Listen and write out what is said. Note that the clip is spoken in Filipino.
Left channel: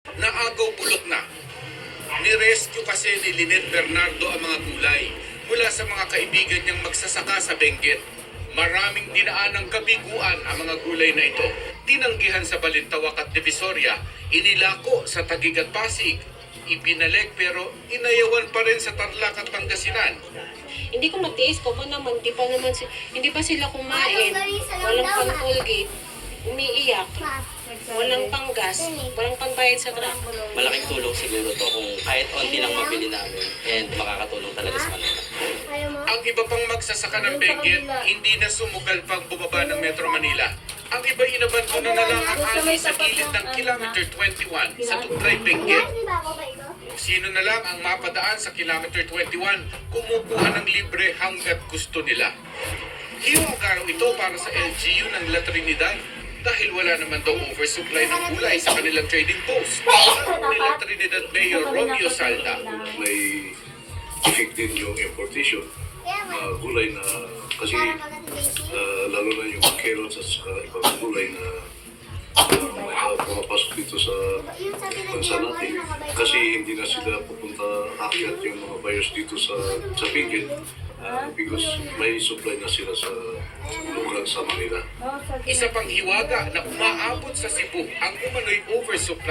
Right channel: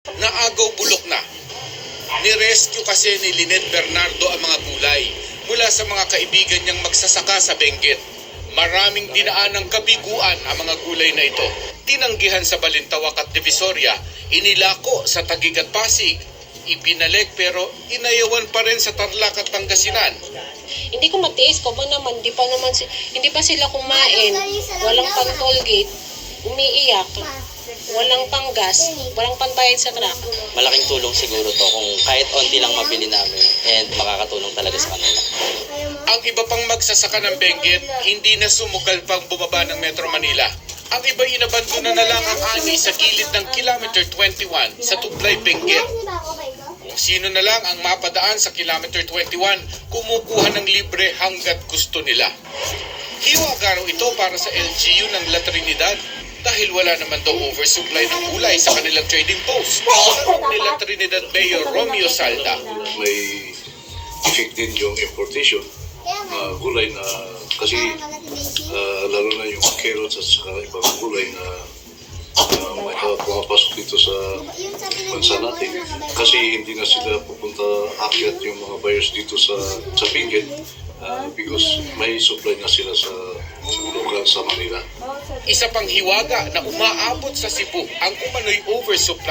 Naagaw bulok na. Nirescue kasi ni Lynette Bernardo ang mga gulay mula sa mga kaibigan niyang magsasaka sa Benguet. Maraming dinaan ng kabiguan ang mga gulay na ito. Tinanggihan sa Balintawak at Divisoria, inilako sa Taguig at Pasig. Ipinalik pero inayawan pa rin sa Tarlac at Pangasinan. Hindi ko matiis ko ba naman, hindi pa sila kumain, walang pang toll gate, umiiyak, walang panggas, walang pantayad sa truck. Malaking tulong siguro to kung kahit onti lang mabili namin and makakatulong talaga sa kanila. Ang iba pang magsasaka ng Benguet, hindi na sumugal pang bumaba ng Metro Manila. Ang iba inabandona na lang ang ani sa gilid ng Kilometer 21 sa Tublay, Benguet. Kung sino na lang ang mapadaan sa Kilometer 21, kumukuha ng libre hanggat gusto nila. Hiwaga raw ito para sa LGU ng La Trinidad dahil wala naman daw oversupply ng gulay sa kanilang trading post. Ni La Trinidad Mayor Romeo Salda. May effect din yung importation gulay na kasi lalo na yung carrots at saka ibang gulay na may pumapasok dito sa bansa natin kasi hindi na sila pupunta akyat yung mga buyers dito sa Benguet because may supply na sila sa lugar sa Manila. Isa pang hiwaga na umaabot sa Cebu ang umano'y oversupply